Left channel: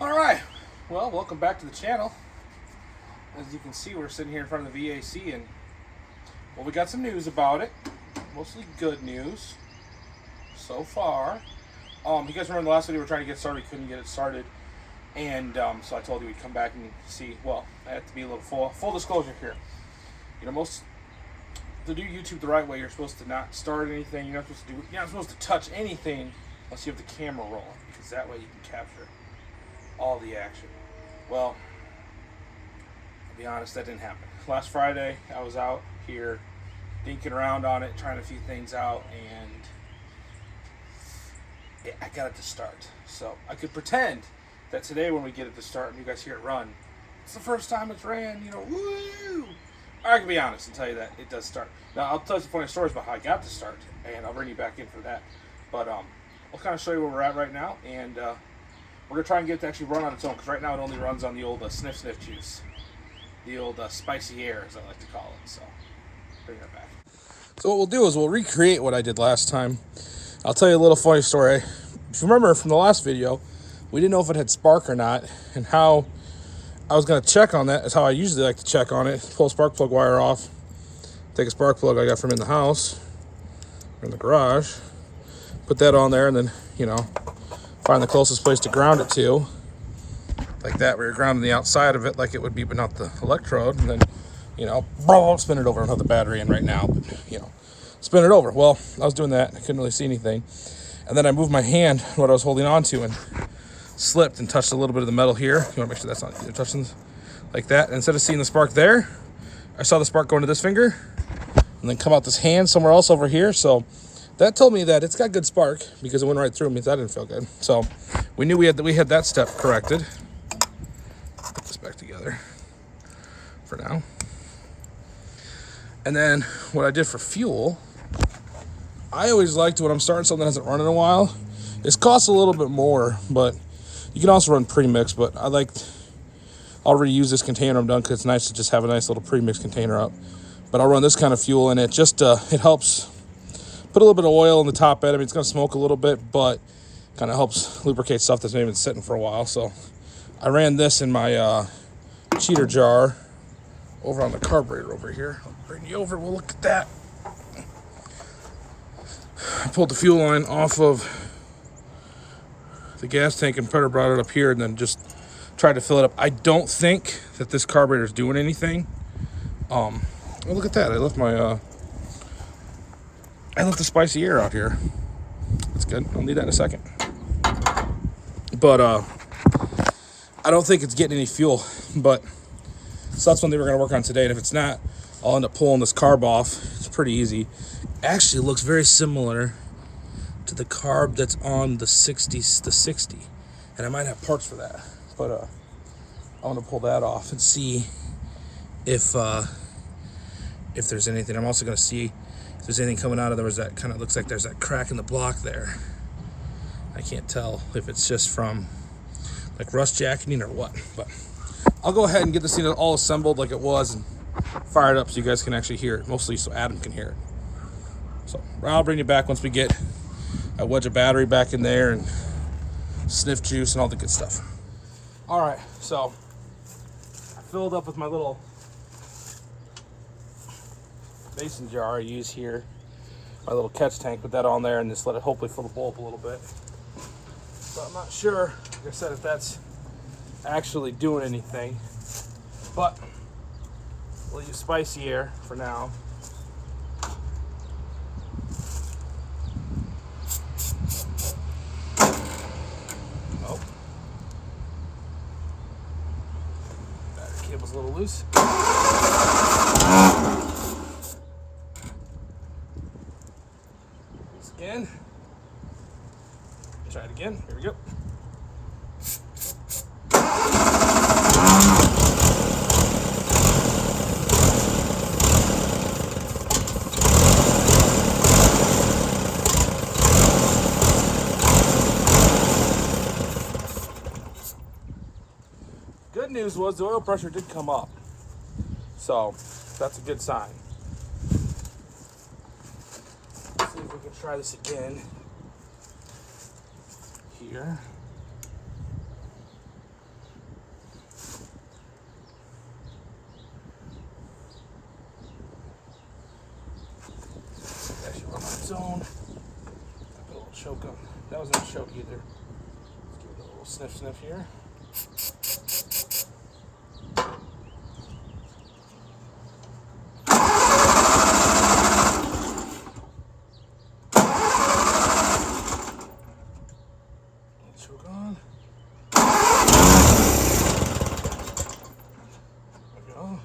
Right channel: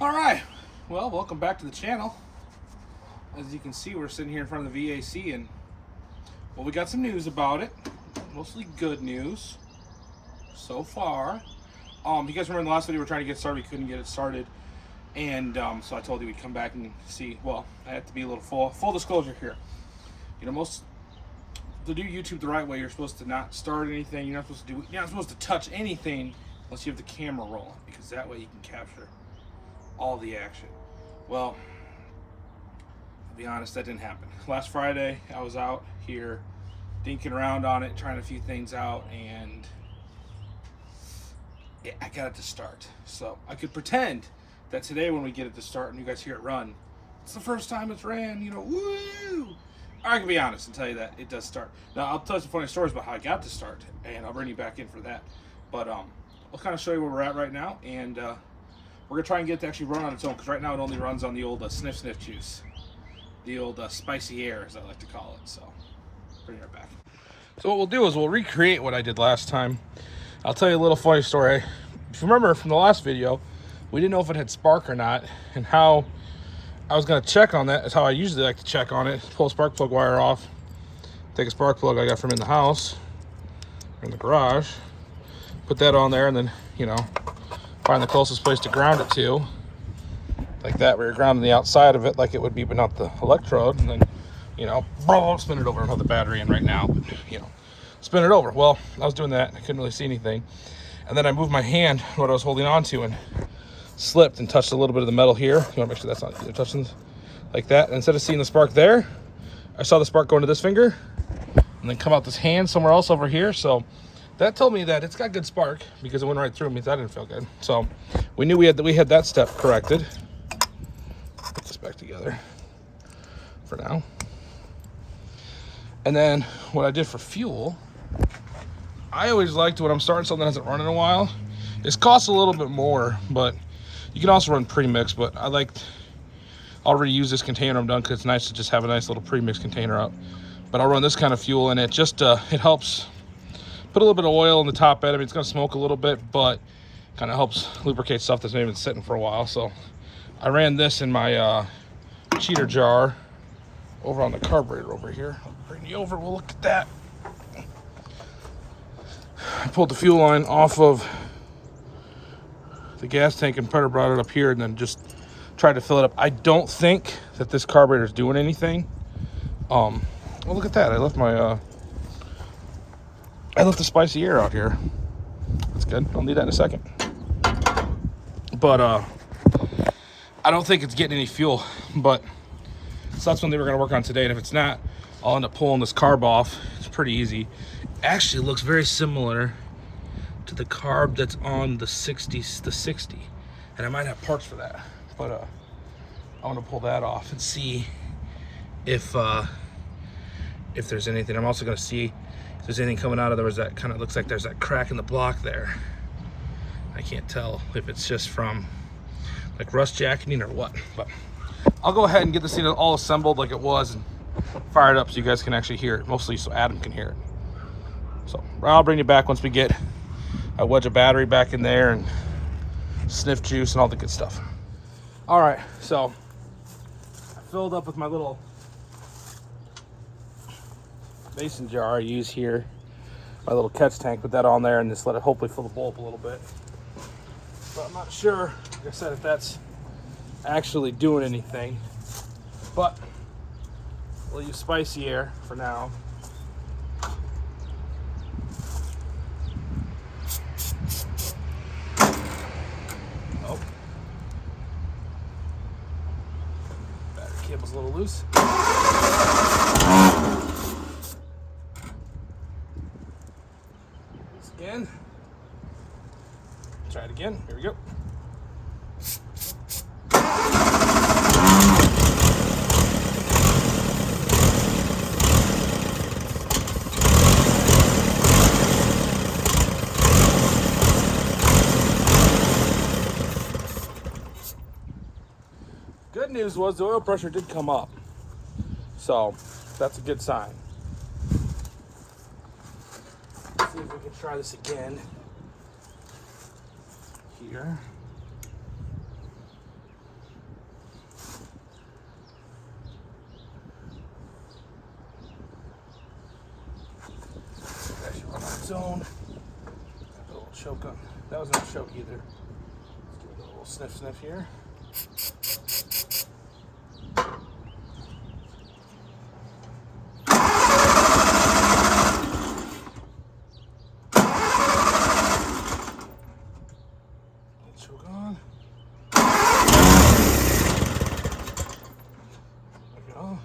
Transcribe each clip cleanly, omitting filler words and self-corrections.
All right, well, welcome back to the channel. As you can see, we're sitting here in front of the VAC, and well, we got some news about it. Mostly good news so far. You guys remember in the last video we were trying to get started, we couldn't get it started, and so I told you we'd come back and see. Well, I have to be a little full disclosure here. You know, to do YouTube the right way, you're supposed to not start anything. You're not supposed to touch anything unless you have the camera rolling, because that way you can capture all the action. Well, I'll be honest, that didn't happen. Last Friday, I was out here dinking around on it, trying a few things out, and I got it to start. So I could pretend that today when we get it to start and you guys hear it run, it's the first time it's ran, you know, woo! Or I can be honest and tell you that it does start. Now, I'll tell you some funny stories about how I got to start, and I'll bring you back in for that. But I'll kind of show you where we're at right now, and we're going to try and get it to actually run on its own, because right now it only runs on the old sniff juice. The old spicy air, as I like to call it. So, bring that back. So what we'll do is we'll recreate what I did last time. I'll tell you a little funny story. If you remember from the last video, we didn't know if it had spark or not, and how I was going to check on that is how I usually like to check on it. Pull a spark plug wire off, take a spark plug I got from in the house, or in the garage, put that on there, and then, you know, find the closest place to ground it to, like that, where you're grounding the outside of it like it would be, but not the electrode, and then, you know, spin it over and have the battery in right now, but, you know, spin it over. Well, I was doing that, I couldn't really see anything, and then I moved my hand, what I was holding on to, and slipped and touched a little bit of the metal here. You want to make sure that's not either touching like that. And instead of seeing the spark there, I saw the spark go into this finger and then come out this hand somewhere else over here. So that told me that it's got good spark, because it went right through me. That didn't feel good. So we knew we had that step corrected. Put this back together for now. And then what I did for fuel, I always liked, when I'm starting something that hasn't run in a while, it costs a little bit more, but you can also run pre-mix. But I'll reuse this container I'm done, because it's nice to just have a nice little pre-mix container out. But I'll run this kind of fuel in it. Just it helps put a little bit of oil in the top end. I mean, it's going to smoke a little bit, but kind of helps lubricate stuff that's maybe been sitting for a while. So I ran this in my cheater jar over on the carburetor over here. I'll bring you over. We'll look at that. I pulled the fuel line off of the gas tank and brought it up here, and then just tried to fill it up. I don't think that this carburetor is doing anything. Oh, look at that. I left the spicy air out here. That's good. I'll need that in a second. But I don't think it's getting any fuel. But so that's something we're going to work on today. And if it's not, I'll end up pulling this carb off. It's pretty easy. Actually, it looks very similar to the carb that's on the 60, and I might have parts for that, but I want to pull that off and see if there's anything. I'm also going to see if there's anything coming out of there. That kind of looks like there's that crack in the block there. I can't tell if it's just from like rust jacketing or what, but I'll go ahead and get this thing all assembled like it was and fire it up so you guys can actually hear it, mostly so Adam can hear it. So I'll bring you back once we get a wedge of battery back in there and sniff juice and all the good stuff. All right, so I filled up with my little mason jar I use here, my little catch tank, put that on there and just let it hopefully fill the bowl up a little bit. But I'm not sure, like I said, if that's actually doing anything, but we'll use spicy air for now. Cable's a little loose. This again. Try it again. Here we go. Good news was the oil pressure did come up, so that's a good sign. Let's see if we can try this again here. zone. Put a little choke on. That was not a choke either. Let's give it a little sniff here. Choke on. There we go.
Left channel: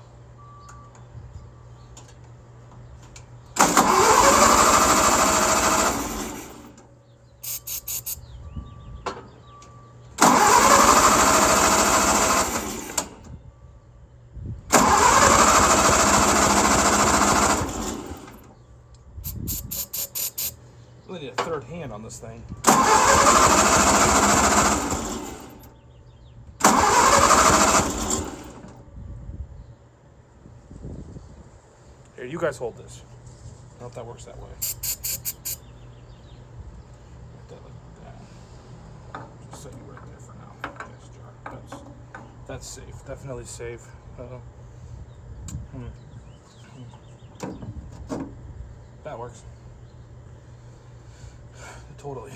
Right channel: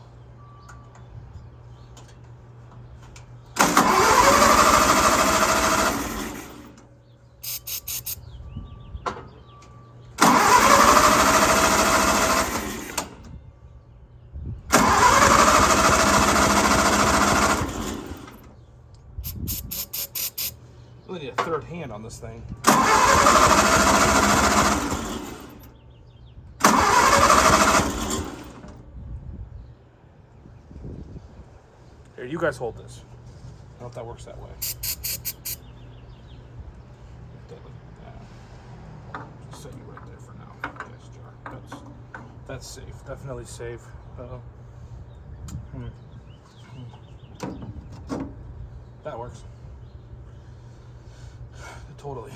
Really need a third hand on this thing. Here, you guys hold this. I don't know if that works that way. Just set you right there for now. Yes, Jar. That's safe. Definitely safe. That works. Totally.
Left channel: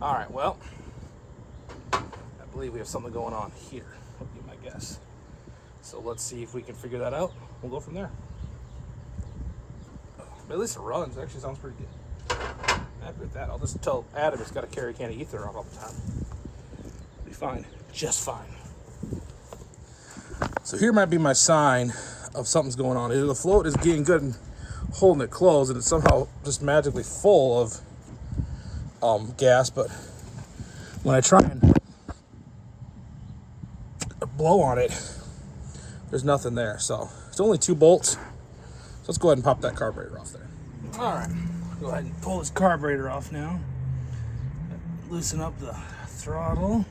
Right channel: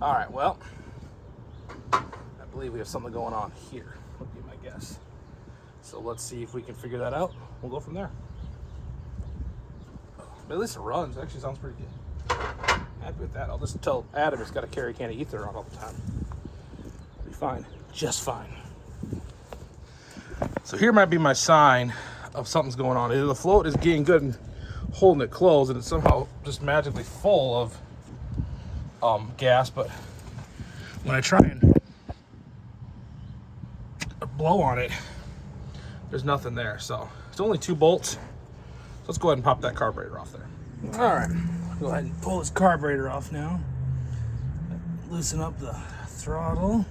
All right, well, I believe we have something going on here, would be my guess. So let's see if we can figure that out. We'll go from there. But at least it runs. It actually sounds pretty good. Happy with that. I'll just tell Adam it's got to carry a can of ether around all the time. It'll be fine. Just fine. So here might be my sign of something's going on. Either the float is getting good and holding it closed, and it's somehow just magically full of gas, but when I try and blow on it, there's nothing there. So it's only 2 bolts. So let's go ahead and pop that carburetor off there. All right, go ahead and pull this carburetor off now. Loosen up the throttle.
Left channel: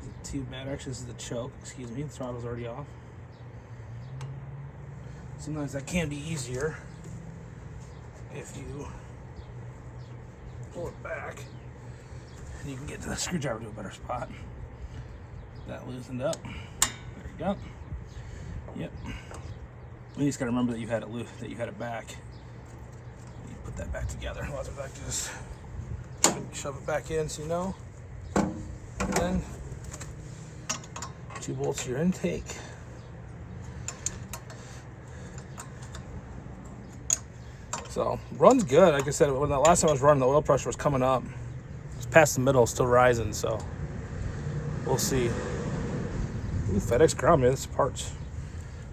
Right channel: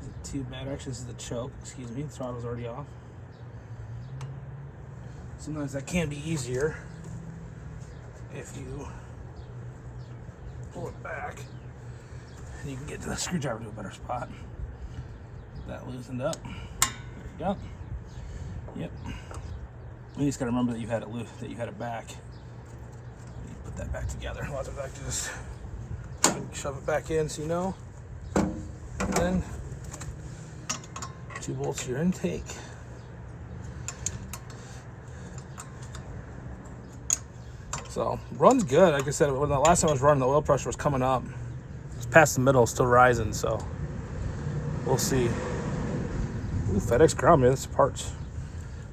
Isn't too bad. Actually, this is the choke. Excuse me. The throttle's already off. Sometimes that can be easier if you pull it back, and you can get to the screwdriver to a better spot. That loosened up. There you go. Yep. You just gotta remember that you had it loose, that you had it back. You put that back together. I'll have to just shove it back in, so you know. And then 2 bolts to your intake. So runs good. Like I said, when the last time I was running, the oil pressure was coming up. It's past the middle, still rising. So we'll see. Ooh, FedEx Ground, man, this is parts.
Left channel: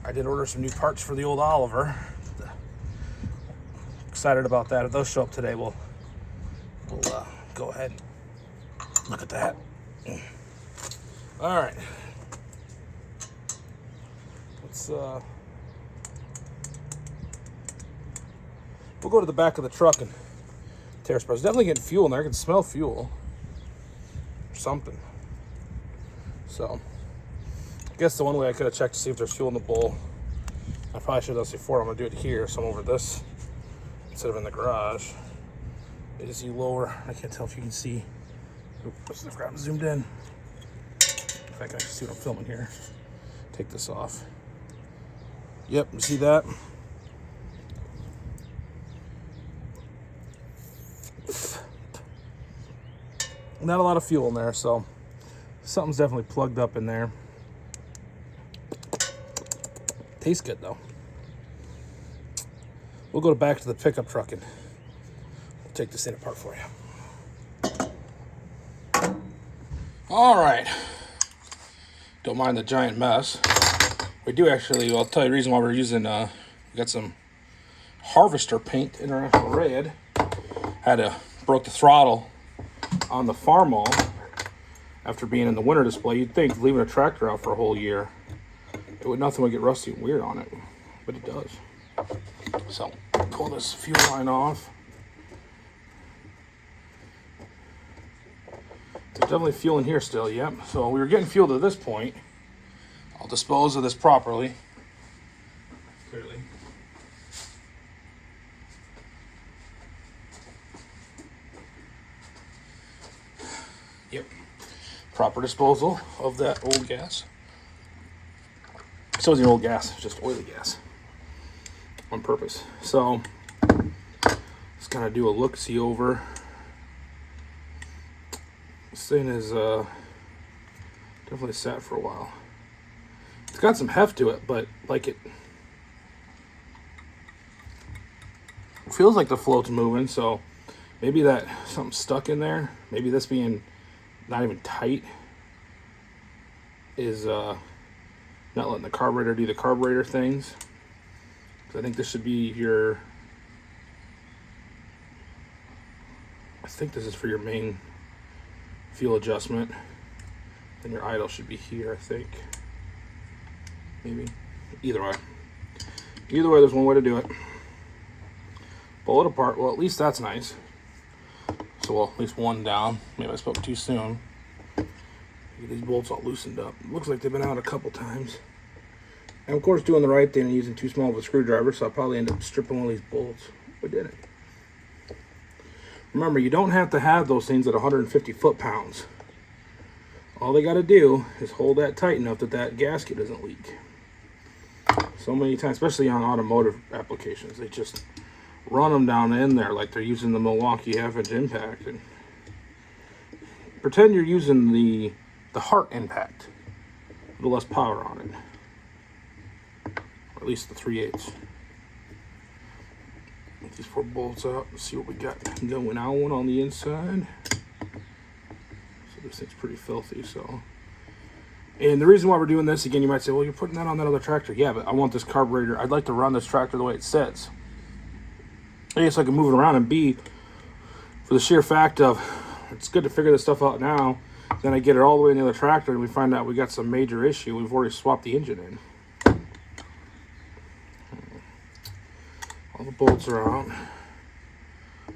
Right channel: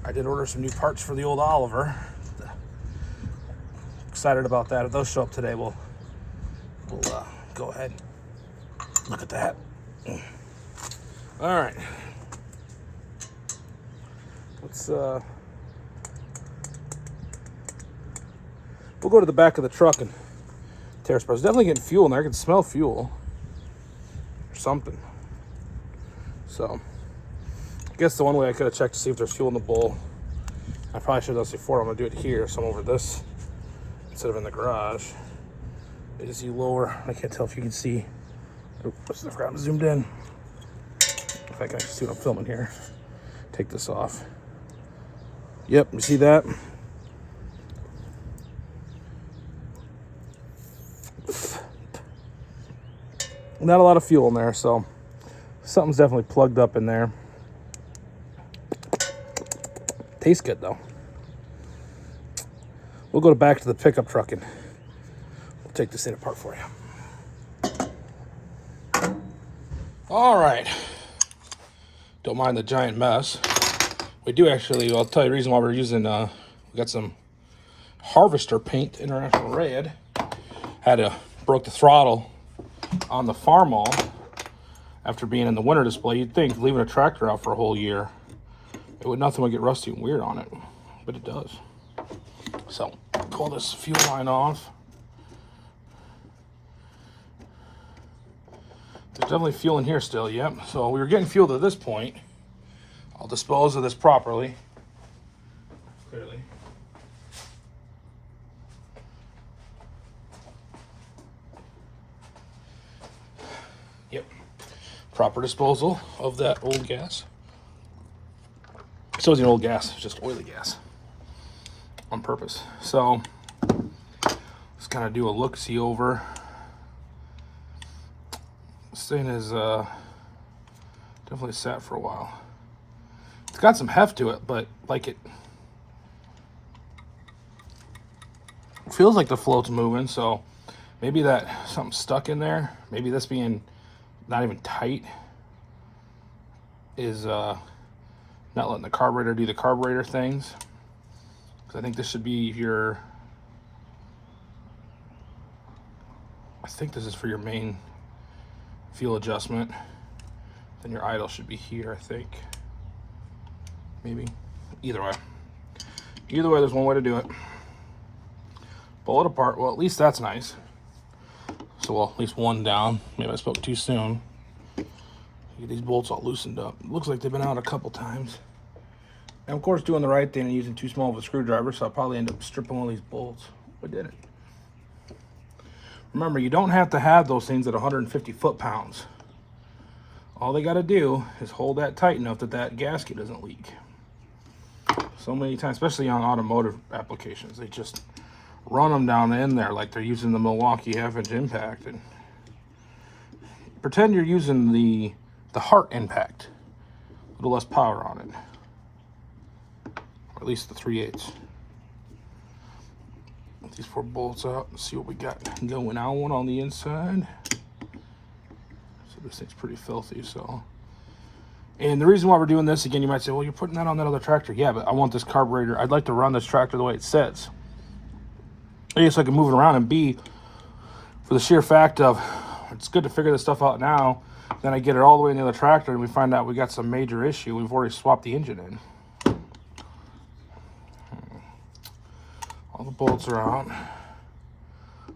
I did order some new parts for the old Oliver. Excited about that. If those show up today, we'll go ahead and look at that. All right. Let's we'll go to the back of the truck and tear spread. Definitely getting fuel in there. I can smell fuel or something. So I guess the one way I could have checked to see if there's fuel in the bowl. I probably should have done this before. I'm gonna do it here, so I'm over this instead of in the garage. As you lower, I can't tell if you can see. Oops, I've got them zoomed in. If I can actually see what I'm filming here. Take this off. Yep, you see that? Not a lot of fuel in there, so something's definitely plugged up in there. Tastes good though. We'll go back to the pickup truck and we'll take this thing apart for you. All right. Don't mind the giant mess. We do actually, I'll tell you the reason why we're using, we got some Harvester paint, International Red. Broke the throttle on the Farmall after being in the winter display. You'd think leaving a tractor out for a whole year, nothing would get rusty and weird on it, but it does. So pull this fuel line off. There's definitely fuel in here still, yep. So we were getting fuel to this point. I'll dispose of this properly. Clearly. Yep. proper disposal of that old gas. So it's an old gas, it's just oily gas on purpose. So let's kind of do a look-see over. This thing is definitely sat for a while. It's got some heft to it, but like it feels like the float's moving, so maybe that something's stuck in there. Maybe this being not even tight is not letting the carburetor do the carburetor things. So I think this should be your, I think this is for your main fuel adjustment. And your idle should be here, I think. Maybe. Either way, there's one way to do it. Pull it apart. Well, at least that's nice. So, well, at least one down. Maybe I spoke too soon. Get these bolts all loosened up. Looks like they've been out a couple times. And of course, doing the right thing and using too small of a screwdriver, so I'll probably end up stripping one of these bolts. We did it. Remember, you don't have to have those things at 150 foot-pounds. All they got to do is hold that tight enough that that gasket doesn't leak. So many times, especially on automotive applications, they just run them down in there like they're using the Milwaukee half-inch impact. And pretend you're using the Hart impact, a little less power on it. Or at least the 3/8. Get these 4 bolts out and see what we got going on the inside. This thing's pretty filthy, so. And the reason why we're doing this, again, you might say, well, you're putting that on that other tractor. Yeah, but I want this carburetor. I'd like to run this tractor the way it says. A, so I can move it around, and B, for the sheer fact of, it's good to figure this stuff out now, then I get it all the way in the other tractor, and we find out we got some major issue. We've already swapped the engine in. All the bolts are out.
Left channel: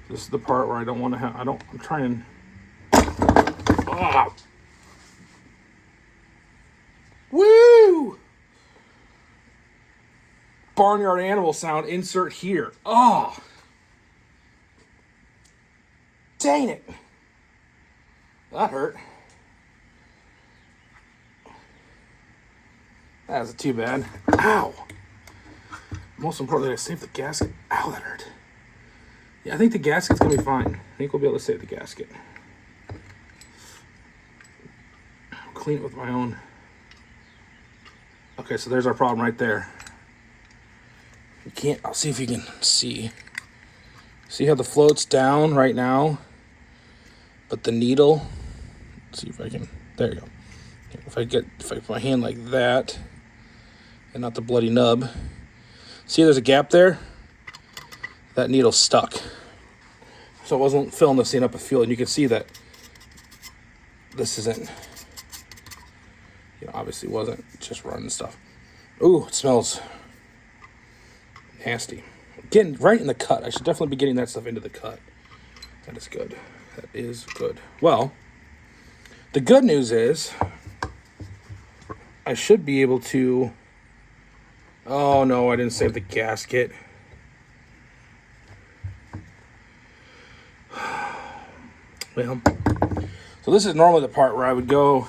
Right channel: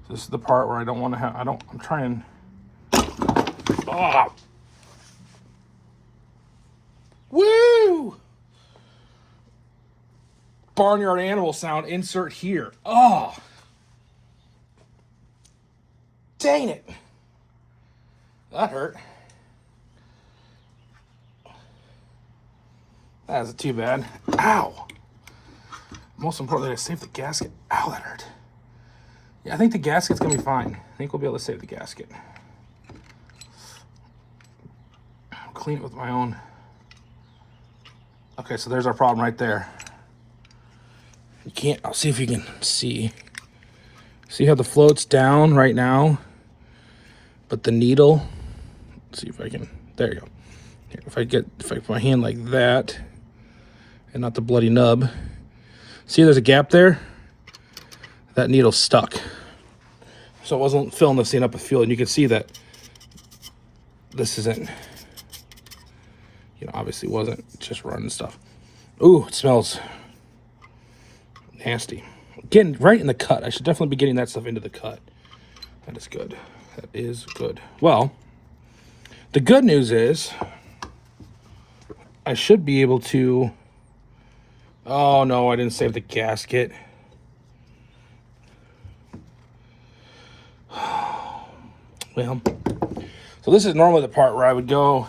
This is the part where I don't want to have, I'm trying. Oh. Woo! Barnyard animal sound, insert here. Oh! Dang it. That hurt. That isn't too bad. Ow! Most importantly, I saved the gasket. Ow, that hurt. Yeah, I think the gasket's gonna be fine. I think we'll be able to save the gasket. Clean it with my own. Okay, so there's our problem right there. You can't, I'll see if you can see. See how the float's down right now? But the needle, let's see if I can, there you go. If I put my hand like that, and not the bloody nub. See there's a gap there? That needle's stuck. So it wasn't filling this thing up with fuel, and you can see that this isn't, obviously wasn't just running stuff. Ooh, it smells nasty. Getting right in the cut. I should definitely be getting that stuff into the cut. That is good. That is good. Well, the good news is I should be able to, oh no, I didn't save the gasket. Well, so this is normally the part where I would go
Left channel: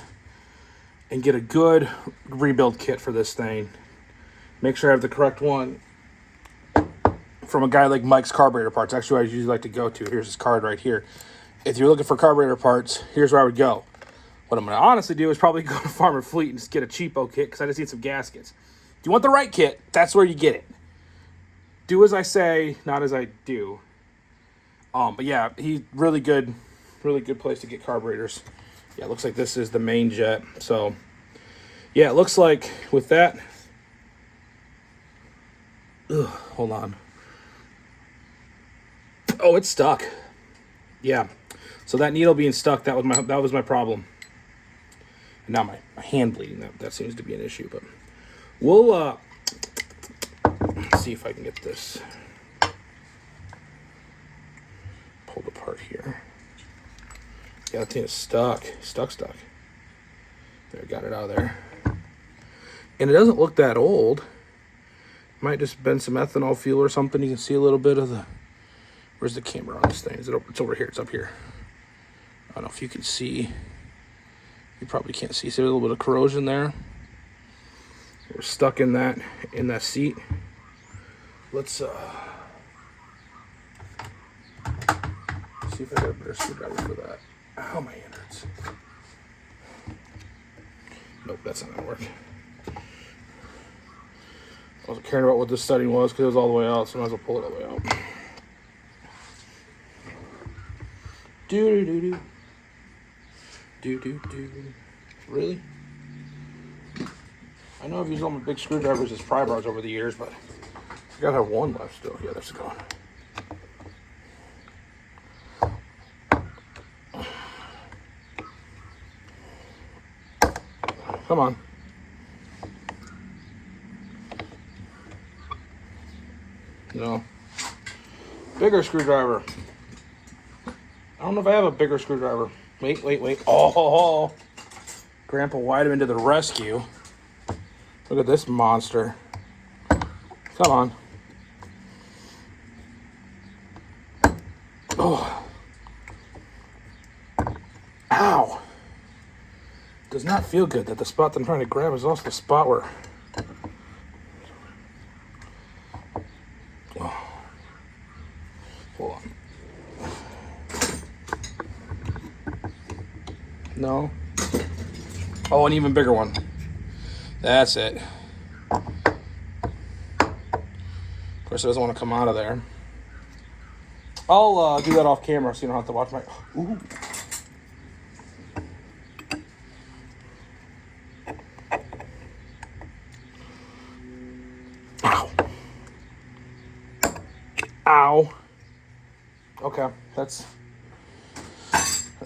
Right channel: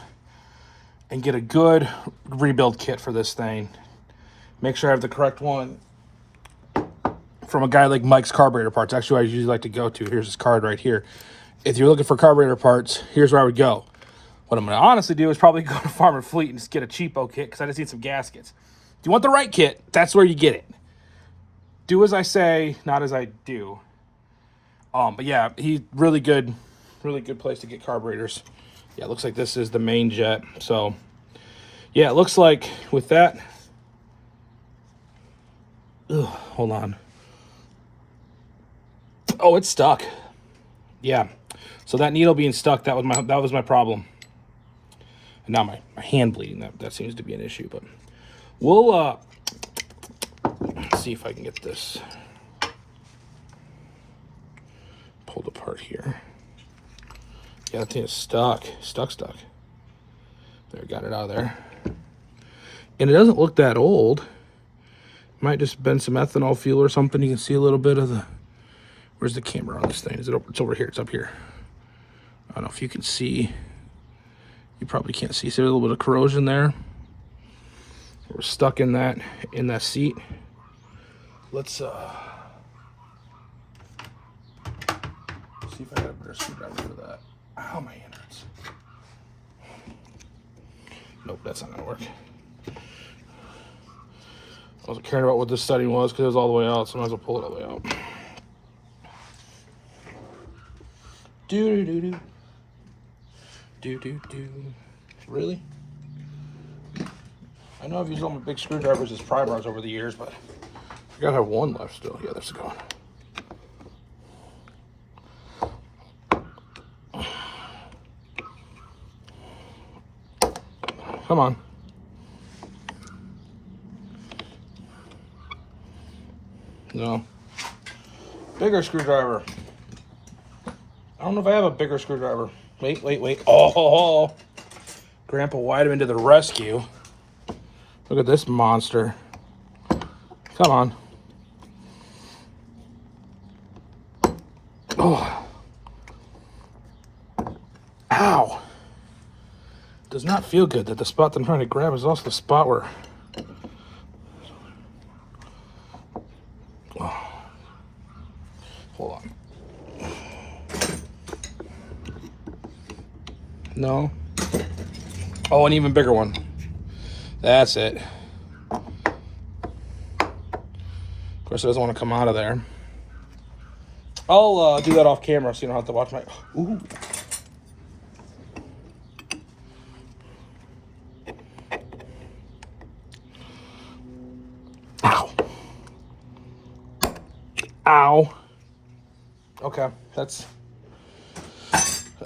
and get a good rebuild kit for this thing. Make sure I have the correct one from a guy like Mike's Carburetor Parts. Actually, I usually like to go to. Here's his card right here. If you're looking for carburetor parts, here's where I would go. What I'm going to honestly do is probably go to Farmer Fleet and just get a cheapo kit because I just need some gaskets. If you want the right kit, that's where you get it. Do as I say, not as I do. But yeah, he's really good place to get carburetors. Yeah, it looks like this is the main jet. So, yeah, it looks like with that. Ugh, hold on. Oh, it's stuck. Yeah. So that needle being stuck, that was my problem. And now my hand bleeding, that seems to be an issue. But we'll let's see if I can get this pulled apart here. Yeah, that thing is stuck. There, got it out of there. And it doesn't look that old. Might just been some ethanol fuel or something. You can see a little bit of the, where's the camera on this thing? Is it over? It's over here, it's up here. I don't know if you can see You probably can't see. See a little bit of corrosion there. We're stuck in that seat. Let's see if I got a better screwdriver for that. Ow, my hand hurts. Nope, that's not gonna work. I wasn't caring about what this setting was because it was all the way out, so I might as well pull it all the way out. Do. Really? I know I've used all my big screwdrivers as pry bars over the years, but I gotta have one left still. Yeah, there's go. Come on. No. Bigger screwdriver. I don't know if I have a bigger screwdriver. Wait. Oh, Grandpa Weideman to the rescue. Look at this monster. Come on. Oh. Ow. Does not feel good that the spot that I'm trying to grab is also the spot where... Oh. Hold on. No. Oh, an even bigger one. That's it. Of course, it doesn't want to come out of there. I'll do that off camera so you don't have to watch my... Ooh. Ow. Ow. Okay, that's...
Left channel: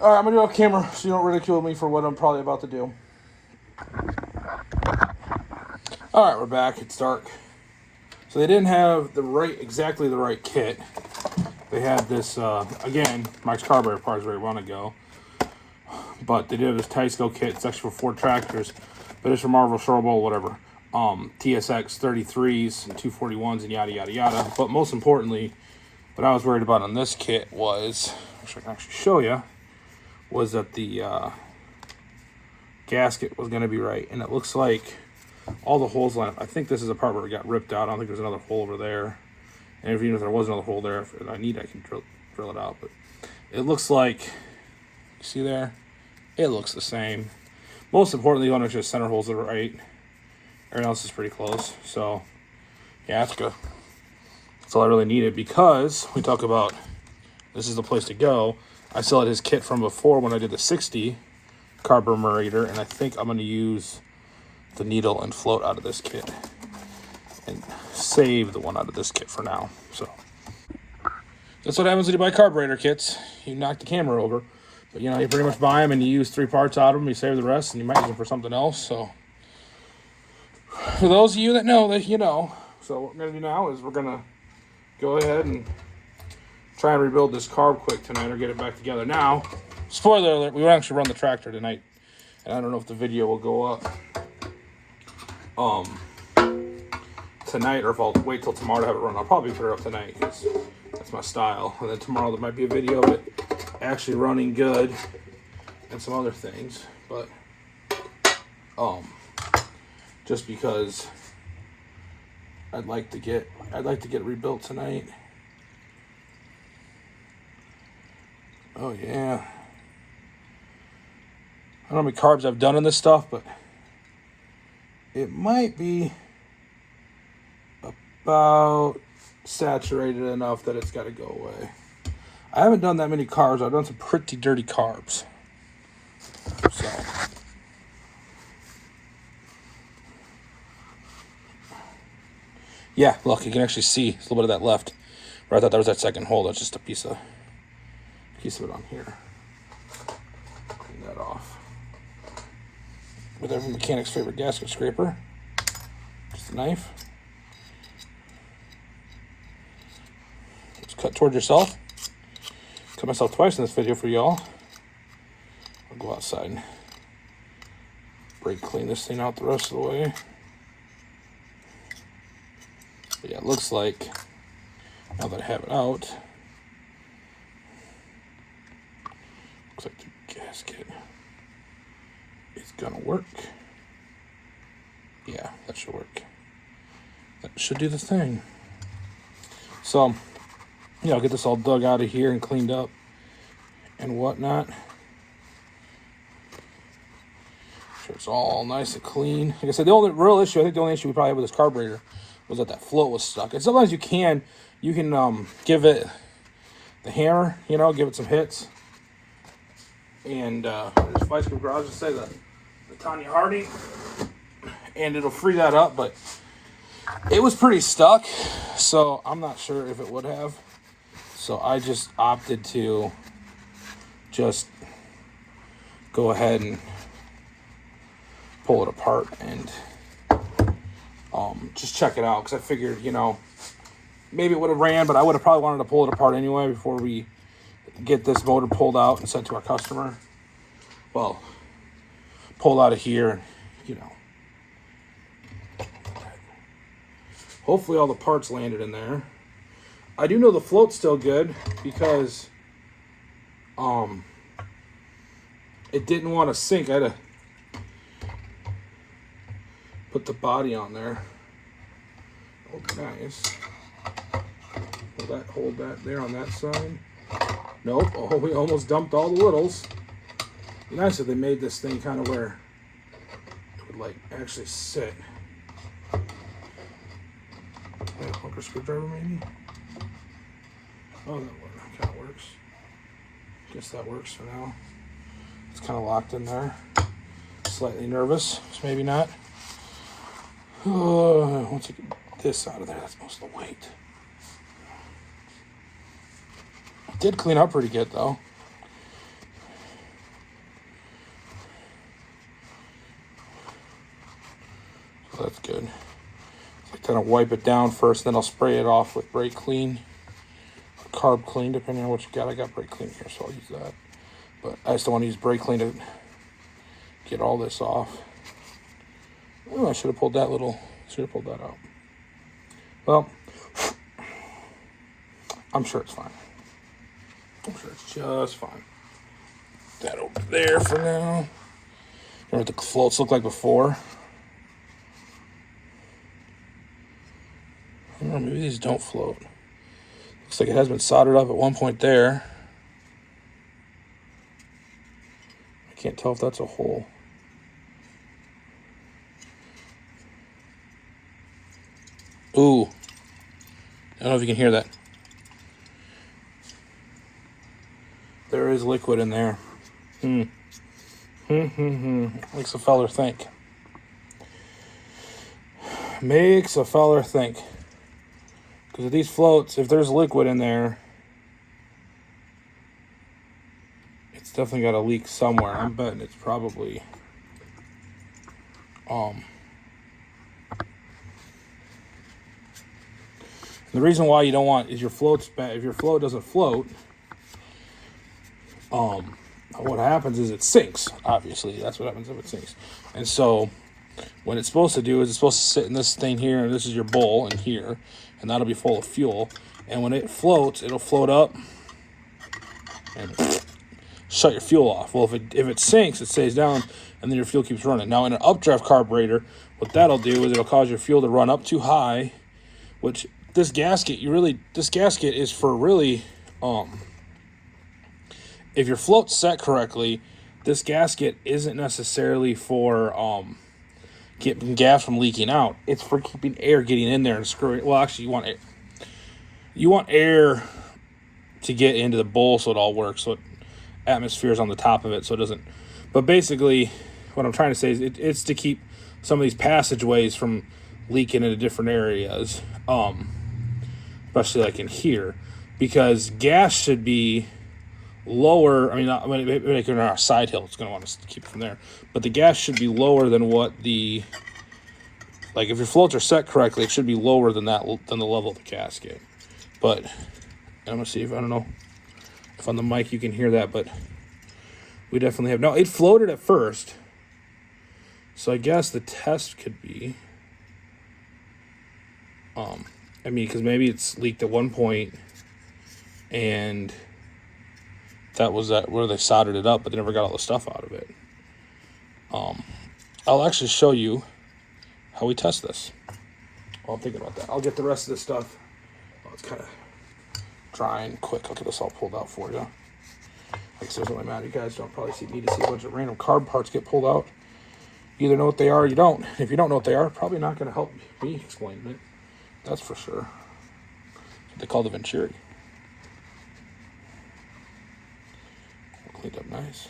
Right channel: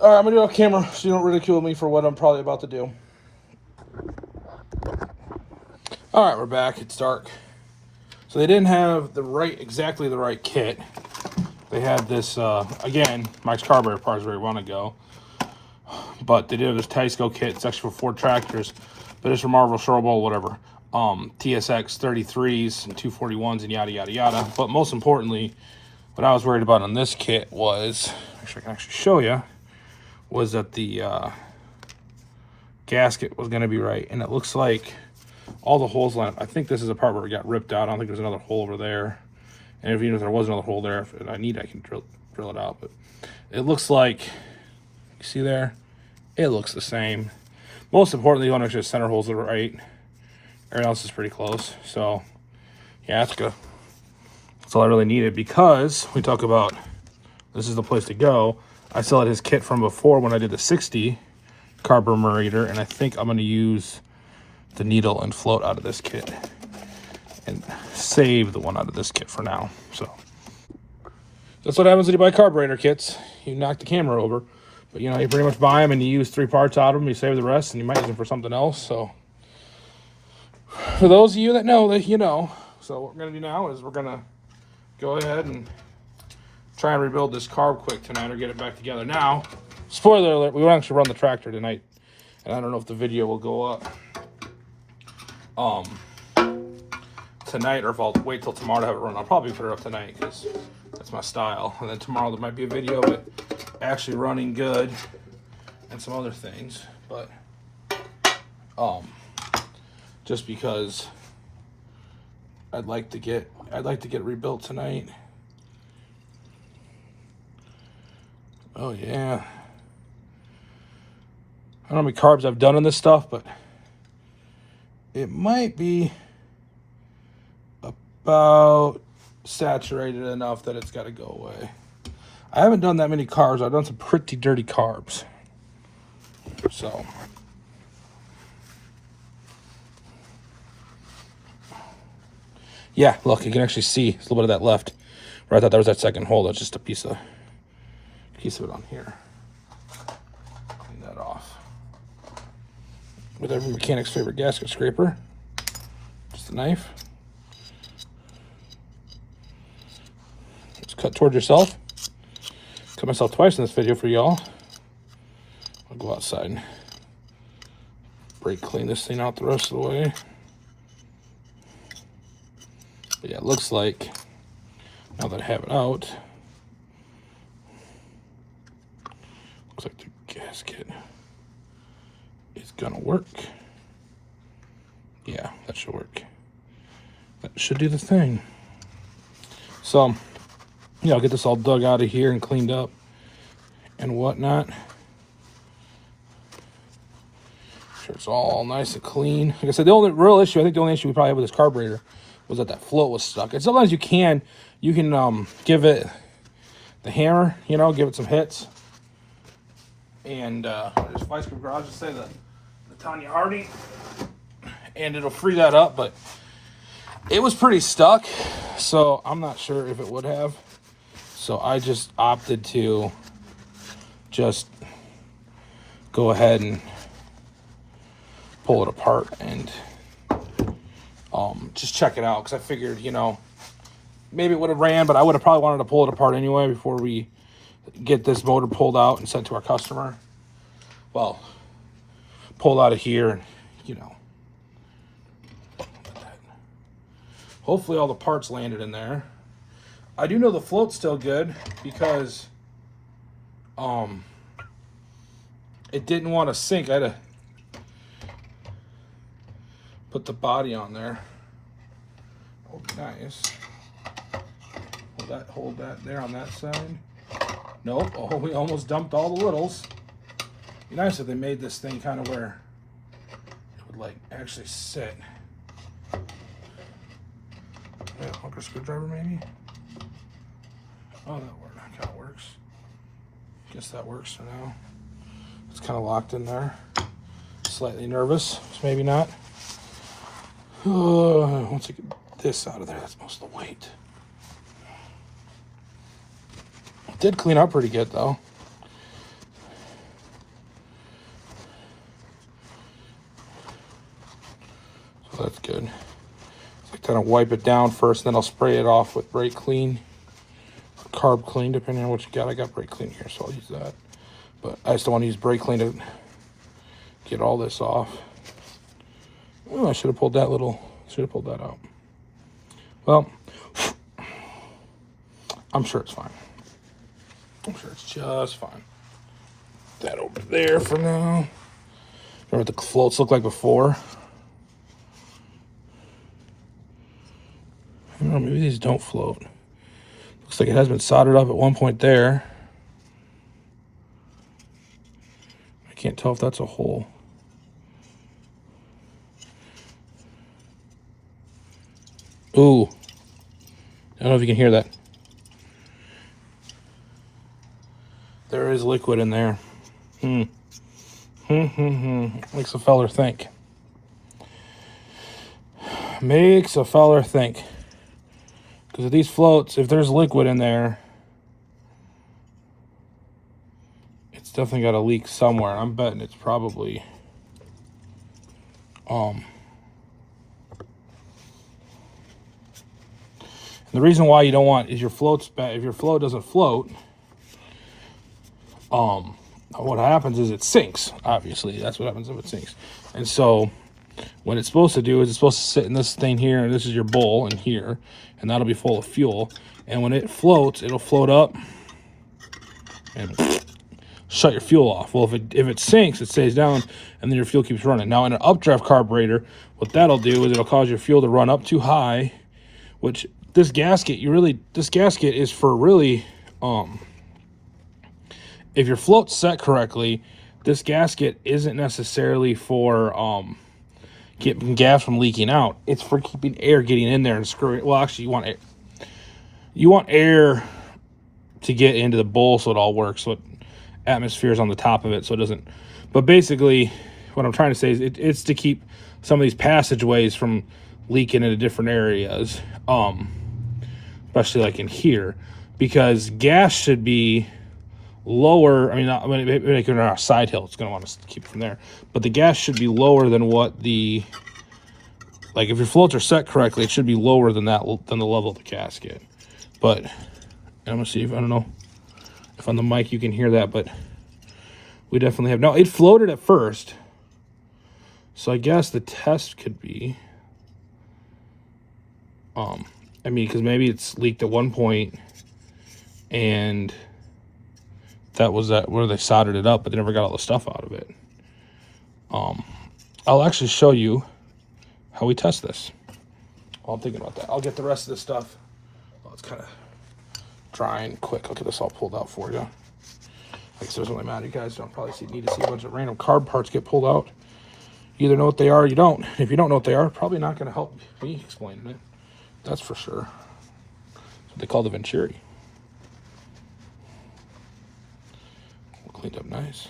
All right, I'm gonna do it off camera so you don't ridicule me for what I'm probably about to do. All right, we're back. It's dark. So they didn't have exactly the right kit. They had this, again, Mike's carburetor parts where you want to go. But they did have this Tysco kit. It's actually for 4 tractors, but it's from Marvel, Sherwood, whatever. TSX 33s and 241s and yada, yada, yada. But most importantly, what I was worried about on this kit was, actually I can actually show you, was that the gasket was going to be right. And it looks like all the holes line up. I think this is the part where it got ripped out. I don't think there's another hole over there. And even if there was another hole there, if I need, I can drill it out. But it looks like, you see there? It looks the same. Most importantly, you want to make sure the center holes are right. Everything else is pretty close. So, yeah, that's good. That's all I really needed, because we talk about this is the place to go. I still had his kit from before when I did the 60 carburetor, and I think I'm going to use the needle and float out of this kit and save the one out of this kit for now. So that's what happens when you buy carburetor kits. You knock the camera over, but you know, you pretty much buy them and you use 3 parts out of them, you save the rest, and you might use them for something else. So for those of you that know, that you know. So what we're going to do now is we're going to go ahead and try and rebuild this carb quick tonight, or get it back together. Now, spoiler alert, we won't actually run the tractor tonight, and I don't know if the video will go up tonight, or if I'll wait till tomorrow to have it run. I'll probably put it up tonight because that's my style, and then tomorrow there might be a video of it actually running good and some other things. But just because I'd like to get it rebuilt tonight. Oh yeah. I don't know how many carbs I've done on this stuff, but it might be about saturated enough that it's got to go away. I haven't done that many carbs. I've done some pretty dirty carbs. So yeah, look, you can actually see a little bit of that left. Where I thought that was that second hole. That's just a piece of it on here. Clean that off with every mechanic's favorite gasket scraper. Just a knife. Just cut toward yourself. Cut myself twice in this video for y'all. I'll go outside and brake clean this thing out the rest of the way. But yeah, it looks like, now that I have it out, looks like the gasket should work. That should do the thing. So, yeah, I'll get this all dug out of here and cleaned up and whatnot. Sure it's all nice and clean. Like I said, the only real issue, I think the only issue we probably had with this carburetor was that float was stuck. And sometimes you can give it the hammer, you know, give it some hits. And there's Vice Grip Garage to say the Tanya Harding, and it'll free that up, but it was pretty stuck, so I'm not sure if it would have. So I just opted to just go ahead and pull it apart and just check it out, because I figured, you know, maybe it would have ran, but I would have probably wanted to pull it apart anyway before we get this motor pulled out and sent to our customer. Well, pulled out of here, you know. Hopefully all the parts landed in there. I do know the float's still good because it didn't want to sink. I had to put the body on there. Nice. Hold that there on that side. Nope. Oh, we almost dumped all the littles. Be nice if they made this thing kind of where it would like actually sit. Poker screwdriver maybe? Oh, that kind of works. Guess that works for now. It's kind of locked in there. Slightly nervous, so maybe not. Once you get this out of there, that's most of the weight. It did clean up pretty good though. So that's good. So kind of wipe it down first, then I'll spray it off with brake clean, carb clean, depending on what you got. I got brake clean here, so I'll use that. But I just don't want to use brake clean to get all this off. Oh, I should have pulled that out. Well, I'm sure it's fine. I'm sure it's just fine. That over there for now. Remember what the floats look like before? I don't know, maybe these don't float. Looks like it has been soldered up at one point there. I can't tell if that's a hole. Ooh. I don't know if you can hear that. There is liquid in there. Makes a feller think. Makes a feller think. Because of these floats, if there's liquid in there, it's definitely got to leak somewhere. I'm betting it's probably the reason why you don't want is your float's bad. If your float doesn't float, what happens is it sinks. Obviously, that's what happens if it sinks. And so, what it's supposed to do is it's supposed to sit in this thing here, and this is your bowl in here, and that'll be full of fuel. And when it floats, it'll float up and shut your fuel off. Well, if it sinks, it stays down, and then your fuel keeps running. Now, in an updraft carburetor, what that'll do is it'll cause your fuel to run up too high, which this gasket is for really, if your float's set correctly, this gasket isn't necessarily for keeping gas from leaking out. It's for keeping air getting in there and screwing. Well, actually, you want air to get into the bowl so it all works. So atmosphere is on the top of it, so it doesn't. But basically, what I'm trying to say is it's to keep some of these passageways from leaking into different areas, especially like in here, because gas should be lower. I mean, maybe on our side hill, it's going to want to keep it from there, but the gas should be lower than what the, like if your floats are set correctly, it should be lower than that, than the level of the gasket. But I'm gonna see if, I don't know if on the mic you can hear that, but we definitely have. Now it floated at first, so I guess the test could be, I mean, because maybe it's leaked at one point and that was where they soldered it up, but they never got all the stuff out of it. I'll actually show you how we test this. I'm thinking about that. I'll get the rest of this stuff. Let's kind of dry and quick. I'll get this all pulled out for you. Like I said, when I'm out, you guys don't probably see me to see a bunch of random carb parts get pulled out. You either know what they are or you don't. If you don't know what they are, probably not going to help me explain it. That's for sure. That's what they call the Venturi. Cleaned up nice.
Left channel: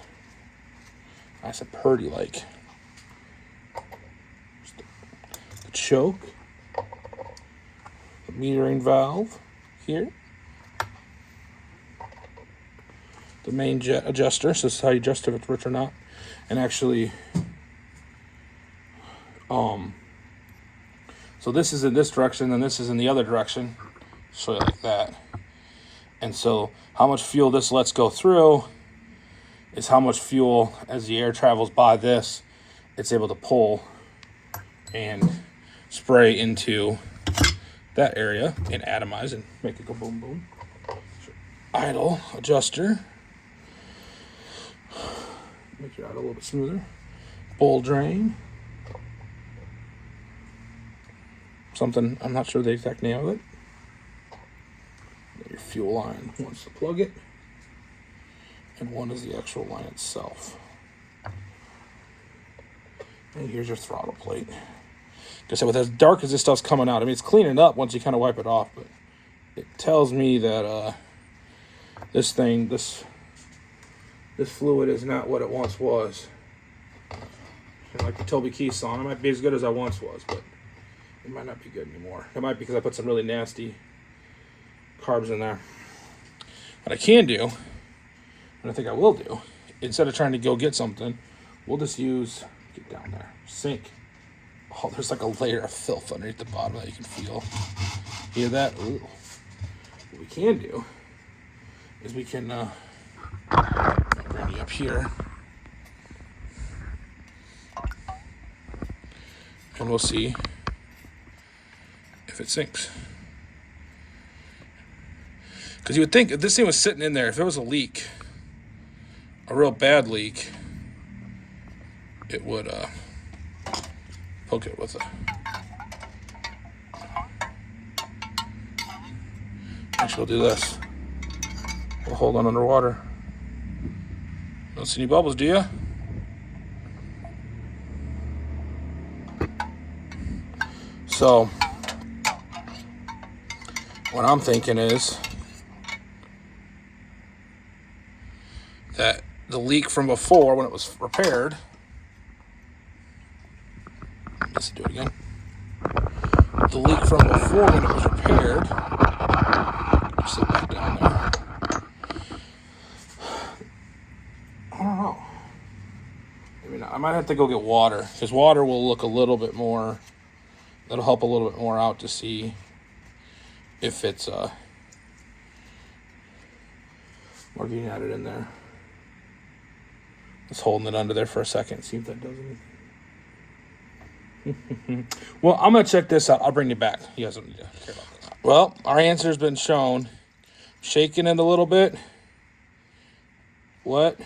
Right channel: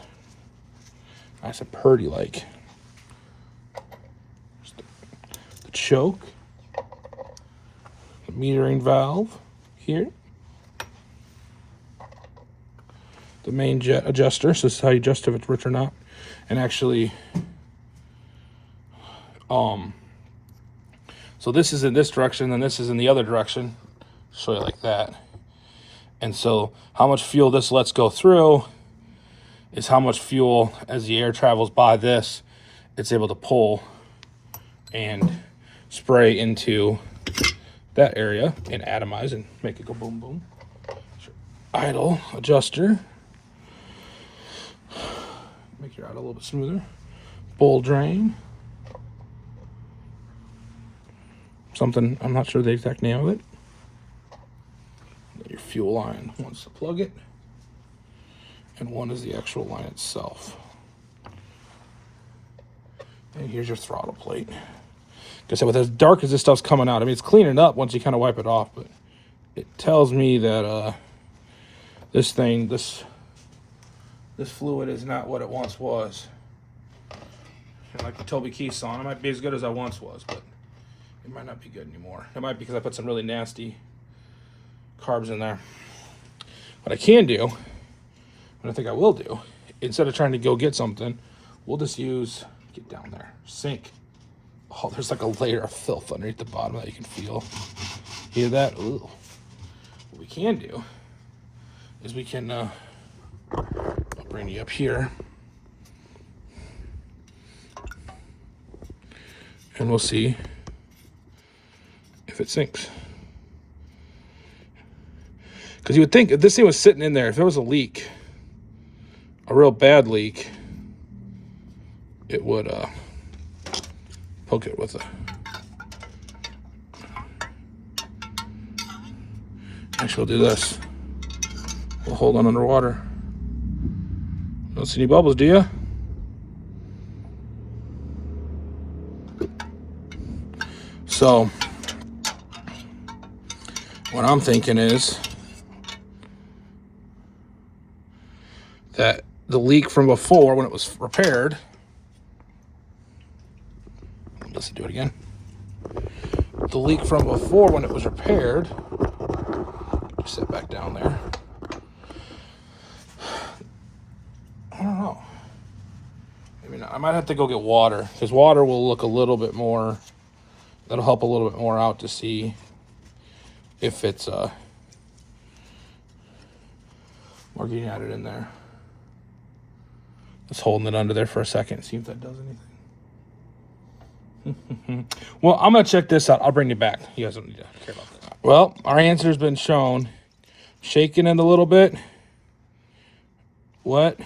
Nice and purdy like. The choke. The metering valve here. The main jet adjuster. So this is how you adjust if it's rich or not. And actually, so this is in this direction and this is in the other direction. So like that. And so how much fuel this lets go through is how much fuel, as the air travels by this, it's able to pull and spray into that area and atomize and make it go boom boom. So idle adjuster. Make your idle a little bit smoother. Bowl drain. Something, I'm not sure the exact name of it. Your fuel line, one's to plug it, and one is the actual line itself. And here's your throttle plate. Like I said, with as dark as this stuff's coming out, I mean, it's cleaning up once you kind of wipe it off, but it tells me that this fluid is not what it once was. And like the Toby Keith song, it might be as good as I once was, but it might not be good anymore. It might be because I put some really nasty carbs in there. What I can do, and I think I will do, instead of trying to go get something, we'll just use, get down there, sink. Oh, there's like a layer of filth underneath the bottom that you can feel. Hear that? Ooh. What we can do is we can bring you up here, and we'll see if it sinks. Because you would think if this thing was sitting in there, if there was a leak, a real bad leak, it would poke it with a. Actually, we'll do this. We'll hold on underwater. Don't see any bubbles, do you? So, what I'm thinking is that the leak from before, when it was repaired, let's do it again. The leak from before when it was repaired, sit back down there. I don't know. I mean, I might have to go get water, because water will look a little bit more, that'll help a little bit more out to see if it's more getting at it in there. Just holding it under there for a second, see if that does anything. Well, I'm gonna check this out. I'll bring you back. You guys don't need to care about that. Well, our answer's been shown. Shaking it a little bit. What?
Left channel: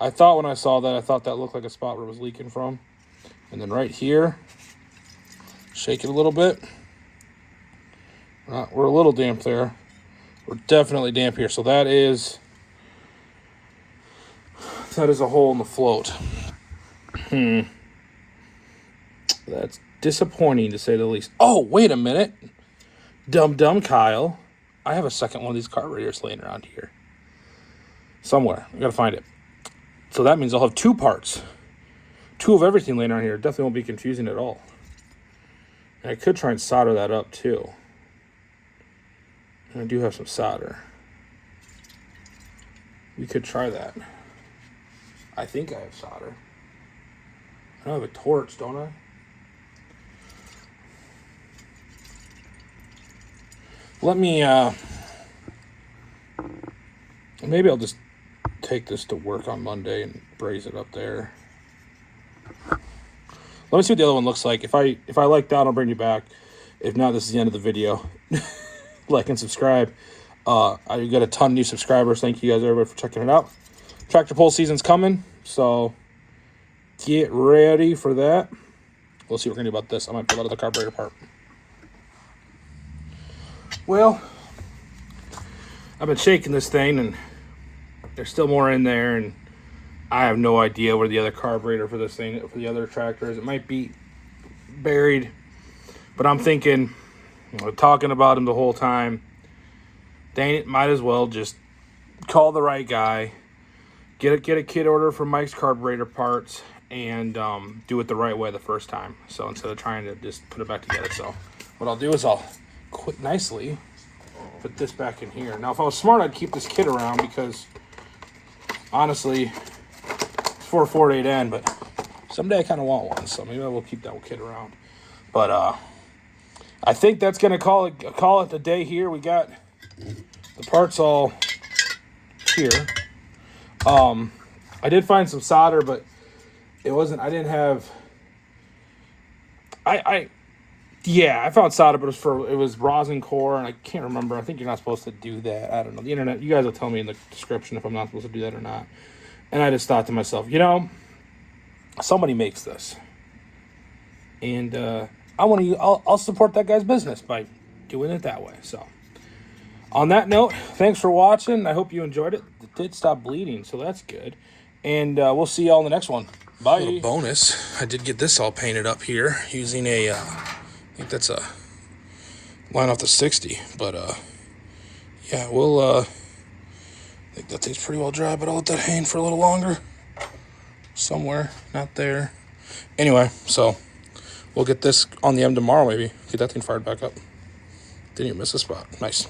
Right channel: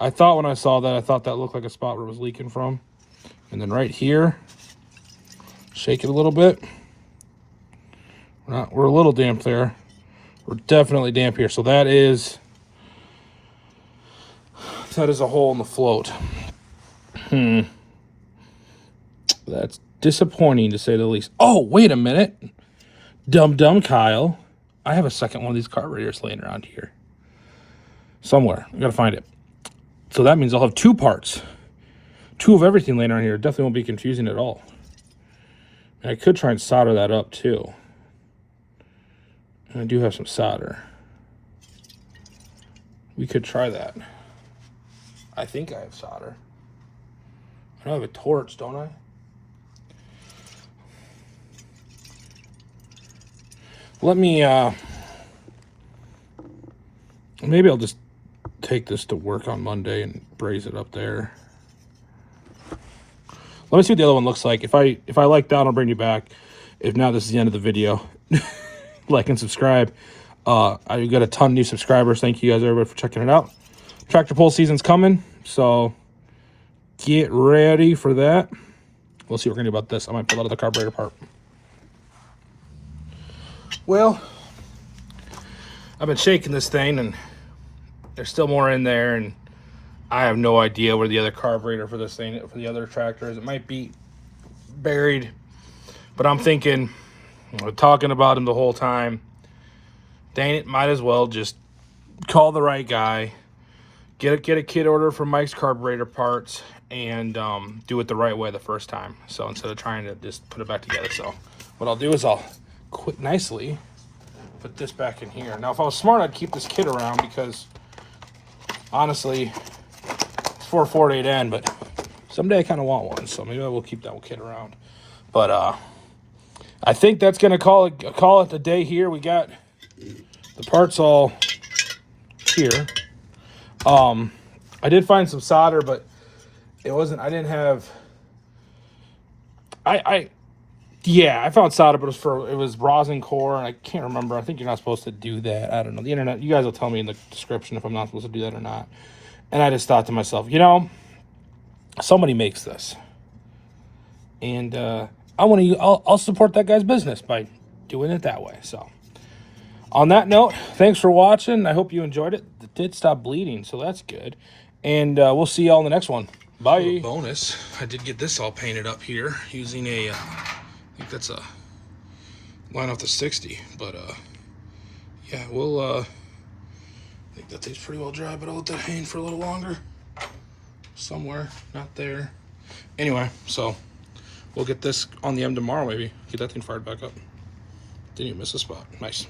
I thought when I saw that, I thought that looked like a spot where it was leaking from. And then right here, shake it a little bit. We're a little damp there. We're definitely damp here. So that is a hole in the float. That's disappointing to say the least. Oh, wait a minute. Dumb Kyle. I have a second one of these carburetors laying around here. Somewhere. I gotta find it. So that means I'll have two parts. Two of everything laying around here. Definitely won't be confusing at all. And I could try and solder that up too. And I do have some solder. We could try that. I think I have solder. I have a torch, don't I? Let me, maybe I'll just take this to work on Monday and braze it up there. Let me see what the other one looks like. If I like that, I'll bring you back. If not, this is the end of the video. Like and subscribe. I got a ton of new subscribers. Thank you guys, everybody, for checking it out. Tractor pull season's coming, so get ready for that. we'll see what we're gonna do about this. I might pull out of the carburetor part. Well, I've been shaking this thing, and there's still more in there, and I have no idea where the other carburetor for this thing, for the other tractor is. It might be buried, but I'm thinking, we're talking about him the whole time. Dang it, might as well just call the right guy, get a kit order from Mike's Carburetor Parts, and do it the right way the first time. So instead of trying to just put it back together. So what I'll do is I'll quite nicely put this back in here. Now, if I was smart, I'd keep this kit around because honestly, it's for a 4.8N, but someday I kind of want one, so maybe I will keep that kit around. But I think that's gonna call it a day here. We got the parts all here. I did find some solder, but it wasn't. I didn't have. Yeah, I found solder, but it was rosin core, and I can't remember. I think you're not supposed to do that. I don't know. The internet, you guys will tell me in the description if I'm not supposed to do that or not. And I just thought to myself, you know, somebody makes this, and I'll support that guy's business by doing it that way. So, on that note, thanks for watching. I hope you enjoyed it. It did stop bleeding, so that's good. And we'll see y'all in the next one. Bye. A little bonus, I did get this all painted up here using a, I think that's a line off the 60, but yeah, we'll, I think that thing's pretty well dry, but I'll let that hang for a little longer. Somewhere, not there. Anyway, so we'll get this on the M tomorrow, maybe. Get that thing fired back up. Didn't even miss a spot. Nice.